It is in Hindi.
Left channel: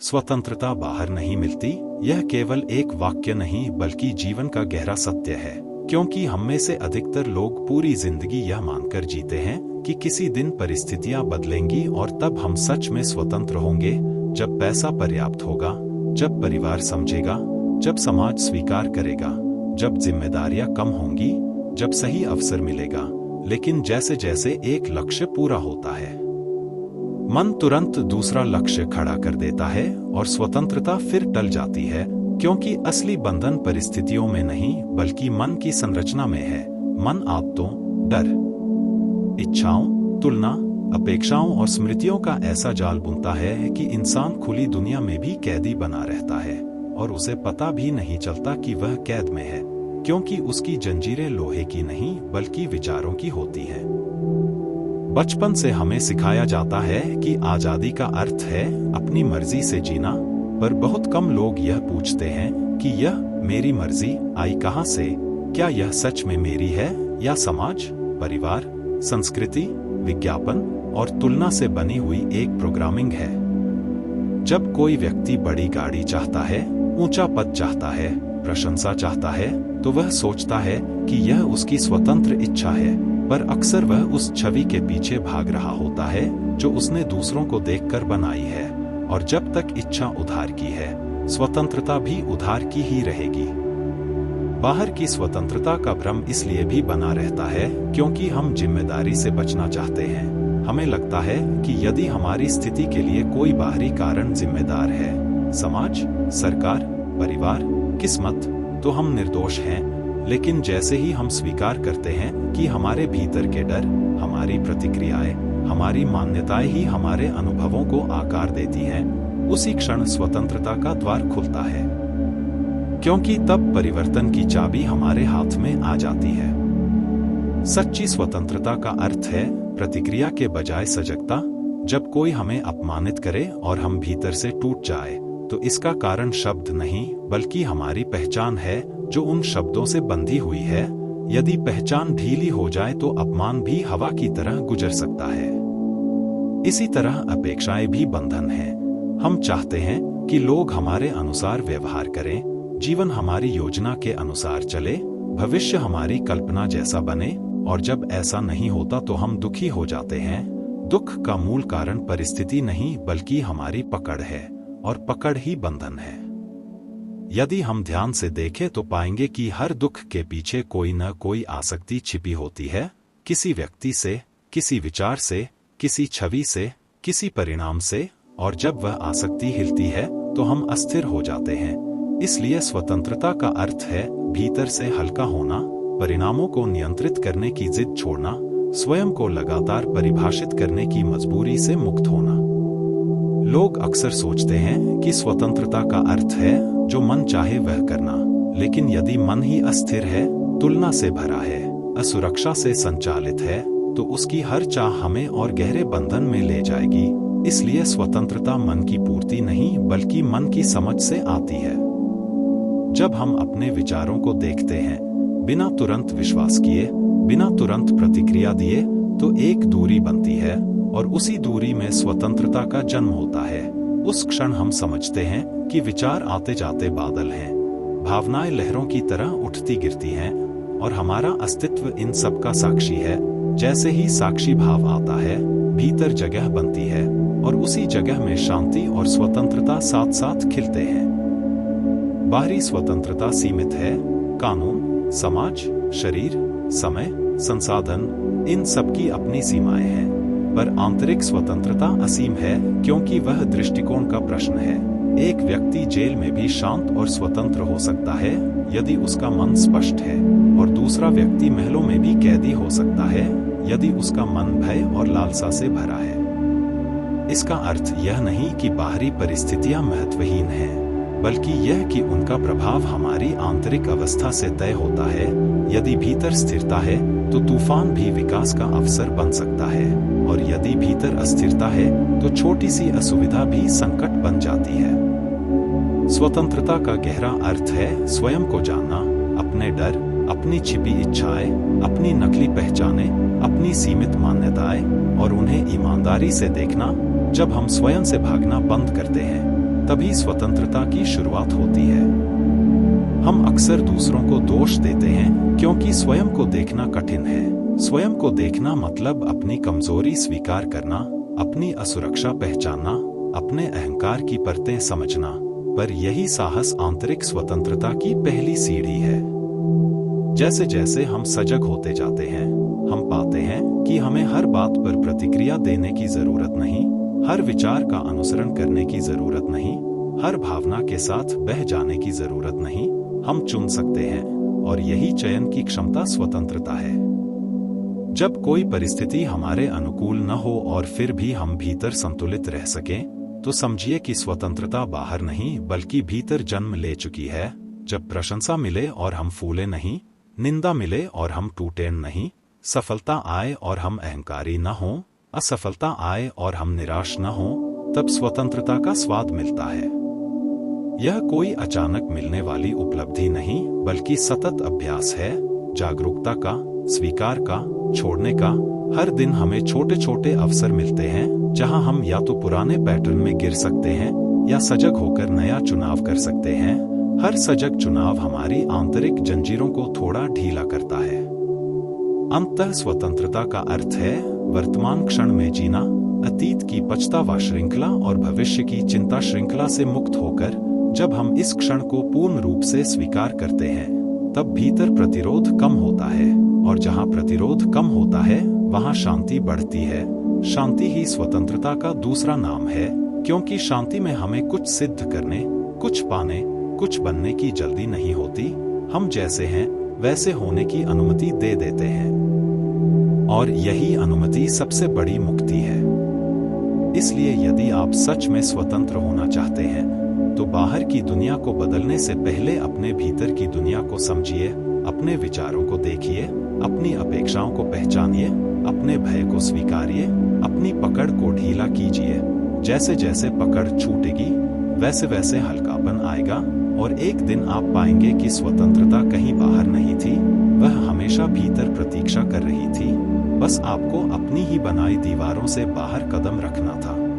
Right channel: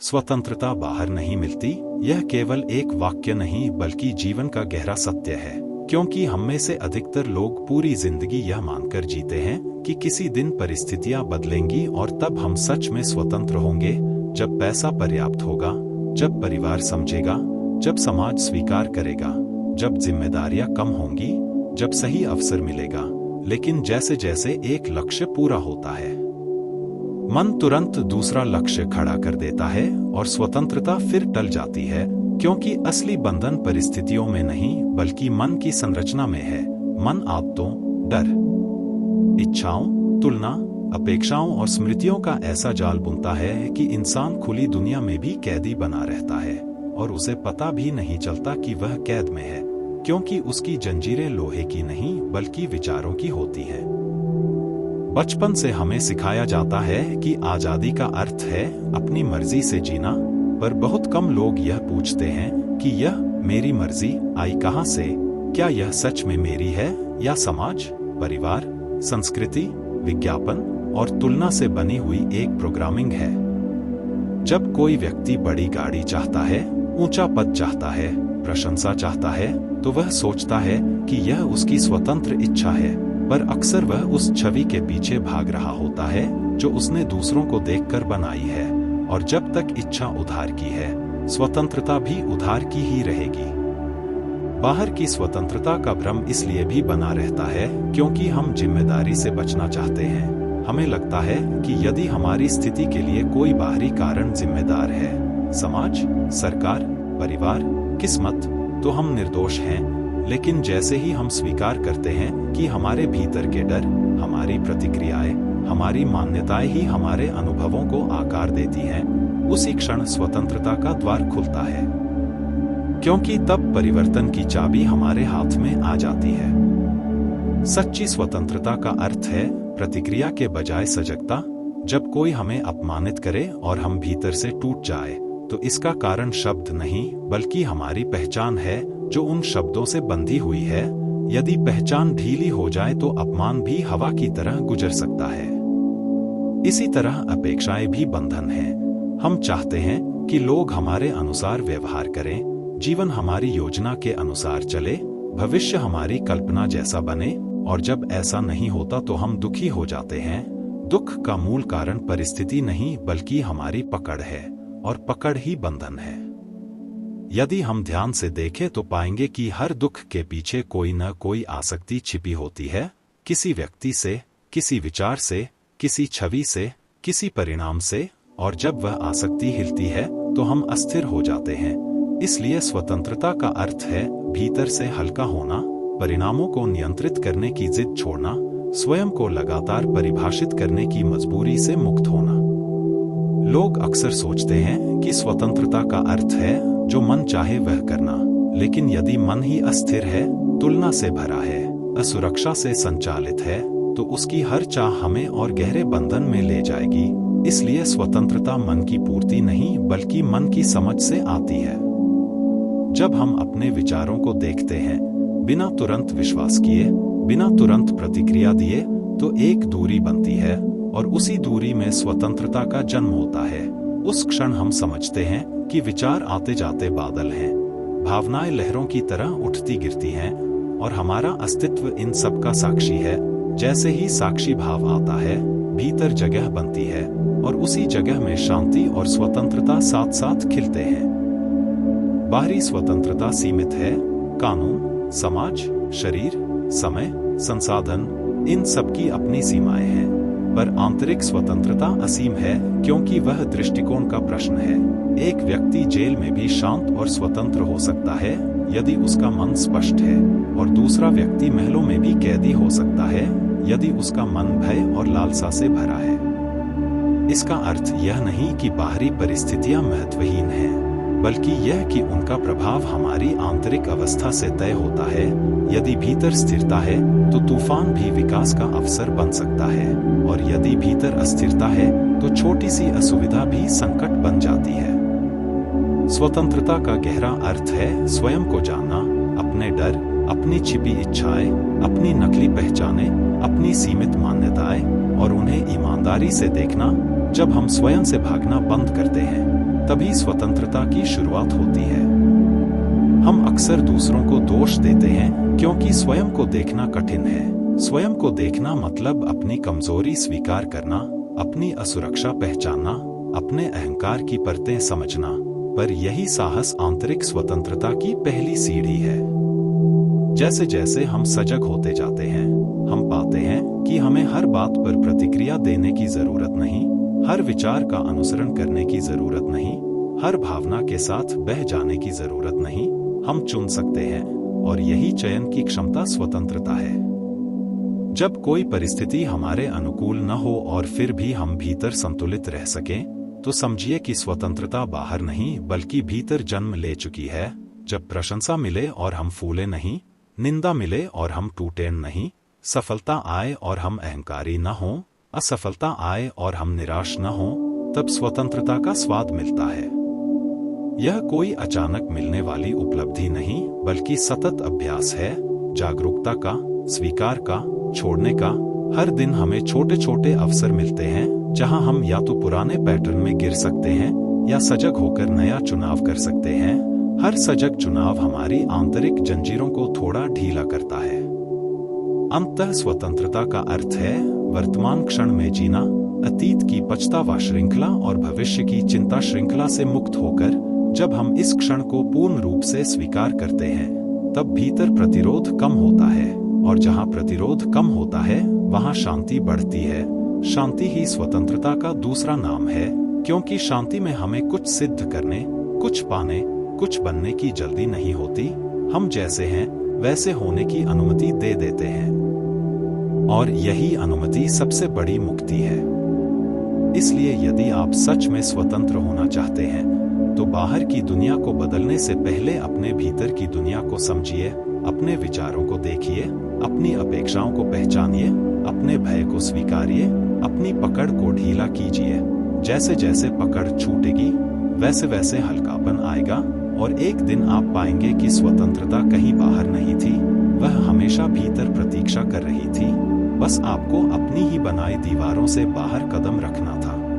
स्वतंत्रता बाहर नहीं मिलती, यह केवल एक वाक्य नहीं बल्कि जीवन का गहरा सत्य है। क्योंकि हम में से अधिकतर लोग पूरी जिंदगी यह मानकर जीते हैं कि किसी दिन परिस्थितियां बदलेंगी और तब हम सच में स्वतंत्र होंगे, जब पैसा पर्याप्त होगा, जब परिवार समझेगा, जब समाज स्वीकार करेगा, जब जिम्मेदारियां कम होंगी, जब सही अवसर मिलेगा। लेकिन जैसे जैसे एक लक्ष्य पूरा होता है, मन तुरंत दूसरा लक्ष्य खड़ा कर देता है और स्वतंत्रता फिर टल जाती है। क्योंकि असली बंधन परिस्थितियों में नहीं बल्कि मन की संरचना में है। मन आदतों, डर, इच्छाओं, तुलना, अपेक्षाओं और स्मृतियों का ऐसा जाल बुनता है कि इंसान खुली दुनिया में भी कैदी बना रहता है और उसे पता भी नहीं चलता कि वह कैद में है, क्योंकि उसकी जंजीरें लोहे की नहीं बल्कि विचारों की होती हैं। बचपन से हमें सिखाया जाता है कि आजादी का अर्थ है अपनी मर्जी से जीना, पर बहुत कम लोग यह पूछते हैं कि यह मेरी मर्जी आई कहां से? क्या यह सच में मेरी है या समाज, परिवार, संस्कृति, विज्ञापन और तुलना से बनी हुई एक प्रोग्रामिंग है? जब कोई व्यक्ति बड़ी गाड़ी चाहता है, ऊंचा पद चाहता है, प्रशंसा चाहता है, तो वह सोचता है कि यह उसकी स्वतंत्र इच्छा है, पर अक्सर वह उस छवि के पीछे भाग रहा होता है जो उसने दूसरों को देखकर बनाई है। और जब तक इच्छा उधार की है, स्वतंत्रता भी उधार की ही रहेगी। बाहर की स्वतंत्रता का भ्रम इसलिए भी बना रहता है क्योंकि हम जिम्मेदारी से बचना चाहते हैं। हमें लगता है कि यदि हमारी स्थिति के लिए कोई बाहरी कारण जिम्मेदार है, समाज, सरकार, परिवार, किस्मत, तो हम निर्दोष हैं। लेकिन जैसे ही हम स्वीकार करते हैं कि हमारे भीतर के डर, हमारी प्रतिक्रियाएं, हमारी मान्यताएं ही हमारे अनुभवों को आकार देती हैं, उसी क्षण स्वतंत्रता का द्वार खुलता है। क्योंकि तब परिवर्तन की चाबी हमारे हाथ में आ जाती है। सच्ची स्वतंत्रता का अर्थ है प्रतिक्रिया के बजाय सजगता। जब कोई हमें अपमानित करे और हम भीतर से टूट जाए, तो इसका कारण शब्द नहीं बल्कि हमारी पहचान है जो उन शब्दों से बंधी हुई है। यदि पहचान ढीली हो जाए तो अपमान भी हवा की तरह गुजर सकता है। इसी तरह अपेक्षाएं भी बंधन हैं। हम चाहते हैं कि लोग हमारे अनुसार व्यवहार करें, जीवन हमारी योजना के अनुसार चले, भविष्य हमारी कल्पना जैसा बने, और जब ऐसा नहीं होता तो हम दुखी हो जाते हैं। दुख का मूल कारण परिस्थिति नहीं बल्कि हमारी पकड़ है, और पकड़ ही बंधन है। यदि हम ध्यान से देखें तो पाएंगे कि हर दुख के पीछे कोई न कोई आसक्ति छिपी होती है, किसी व्यक्ति से, किसी विचार से, किसी छवि से, किसी परिणाम से, और जब वह आसक्ति हिलती है तो हम अस्थिर हो जाते हैं। इसलिए स्वतंत्रता का अर्थ है भीतर से हल्का होना, परिणामों को नियंत्रित करने की जिद छोड़ना, स्वयं को लगातार परिभाषित करने की मजबूरी से मुक्त होना। लोग अक्सर सोचते हैं कि स्वतंत्रता का अर्थ है जो मन चाहे वह करना, लेकिन यदि मन ही अस्थिर है, तुलना से भरा है, असुरक्षा से संचालित है, तो उसकी हर चाह हमें और गहरे बंधन में ले जाएगी। इसलिए स्वतंत्रता मन की पूर्ति नहीं बल्कि मन की समझ से आती है। जब हम अपने विचारों को देखते हैं, बिना तुरंत विश्वास किए, बिना तुरंत प्रतिक्रिया दिए, तो एक दूरी बनती है, और उसी दूरी में स्वतंत्रता का जन्म होता है। उस क्षण हम समझते हैं कि विचार आते जाते बादल हैं, भावनाएं लहरों की तरह उठती गिरती हैं, और हमारा अस्तित्व इन सब का साक्षी है। जैसे ही साक्षी भाव आता है, भीतर जगह बनती है, और उसी जगह में शांति और स्वतंत्रता साथ साथ खिलते हैं। बाहरी स्वतंत्रता सीमित है, कानून, समाज, शरीर, समय, संसाधन, इन सब की अपनी सीमाएं हैं, पर आंतरिक स्वतंत्रता असीम है, क्योंकि वह दृष्टिकोण का प्रश्न है। एक व्यक्ति जेल में भी शांत और स्वतंत्र हो सकता है यदि उसका मन स्पष्ट है, और दूसरा व्यक्ति महलों में भी कैदी हो सकता है यदि उसका मन भय और लालसा से भरा है। इसका अर्थ यह नहीं कि बाहरी परिस्थितियां महत्वहीन हैं, बल्कि यह कि उनका प्रभाव हमारी आंतरिक अवस्था से तय होता है। यदि भीतर स्थिरता है तो तूफान भी विकास का अवसर बन सकता है, और यदि भीतर अस्थिरता है तो छोटी सी असुविधा भी संकट बन जाती है। स्वतंत्रता का गहरा अर्थ है स्वयं को जानना, अपने डर, अपनी छिपी इच्छाएं, अपनी नकली पहचानें, अपनी सीमित मान्यताएं, और उन्हें ईमानदारी से देखना। जब हम स्वयं से भागना बंद करते हैं, तभी स्वतंत्रता की शुरुआत होती है। हम अक्सर दूसरों को दोष देते हैं क्योंकि स्वयं को देखना कठिन है। स्वयं को देखना मतलब अपनी कमजोरी स्वीकार करना, अपनी असुरक्षा पहचानना, अपने अहंकार की परतें समझना। पर यही साहस आंतरिक स्वतंत्रता की पहली सीढ़ी है। जैसे जैसे हम सजग होते जाते हैं, हम पाते हैं कि हमें हर बात पर प्रतिक्रिया देने की जरूरत नहीं, हर विचार का अनुसरण करने की जरूरत नहीं, हर भावना के साथ बह जाने की जरूरत नहीं। हम चुन सकते हैं, और यही चयन की क्षमता स्वतंत्रता है। जब कोई परिस्थिति हमारे अनुकूल न हो और फिर भी हम भीतर संतुलित रह सकें, तो समझिए कि स्वतंत्रता बाहर नहीं बल्कि भीतर जन्म ले चुकी है। जब प्रशंसा मिले और हम फूले नहीं, निंदा मिले और हम टूटे नहीं, सफलता आए और हम अहंकारी न हों, असफलता आए और हम निराश न हों, तब स्वतंत्रता का स्वाद मिलता है। यह कोई अचानक मिलने वाली उपलब्धि नहीं बल्कि सतत अभ्यास है, जागरूकता का, स्वीकार का, छोड़ने का। हर दिन हमें छोटे छोटे अवसर मिलते हैं जहां हम या तो पुराने पैटर्न में गिर सकते हैं या सजग होकर नया चुनाव कर सकते हैं। हर सजग चुनाव हमारी आंतरिक जंजीरों को थोड़ा ढीला करता है। अंततः स्वतंत्रता का अर्थ है वर्तमान क्षण में जीना, अतीत की पछतावा श्रृंखला और भविष्य की चिंता श्रृंखला से मुक्त होकर। जब हम इस क्षण को पूर्ण रूप से स्वीकार करते हैं, तब भीतर प्रतिरोध कम होता है, और जहां प्रतिरोध कम होता है वहां शांति बढ़ती है। शांति ही स्वतंत्रता का दूसरा नाम है, क्योंकि शांति में हमें कुछ सिद्ध करने, कुछ पाने, कुछ बनने की जल्दी नहीं होती। हम जैसे हैं वैसे होने की अनुमति दे देते हैं, और यही अनुमति सबसे बड़ी मुक्ति है। इसलिए यदि आप सच में स्वतंत्र होना चाहते हैं, तो बाहर की दुनिया को बदलने से पहले अपने भीतर की दुनिया को समझिए, अपने विचारों को देखिए, अपनी अपेक्षाओं को पहचानिए, अपने भय को स्वीकारिए, अपनी पकड़ को ढीला कीजिए। जैसे जैसे पकड़ छूटेगी, वैसे वैसे हल्कापन आएगा, और एक दिन आप पाएंगे कि स्वतंत्रता कहीं बाहर नहीं थी, वह हमेशा भीतर प्रतीक्षा कर रही थी। बस आपको अपनी ही बनाई दीवारों से बाहर कदम रखना था।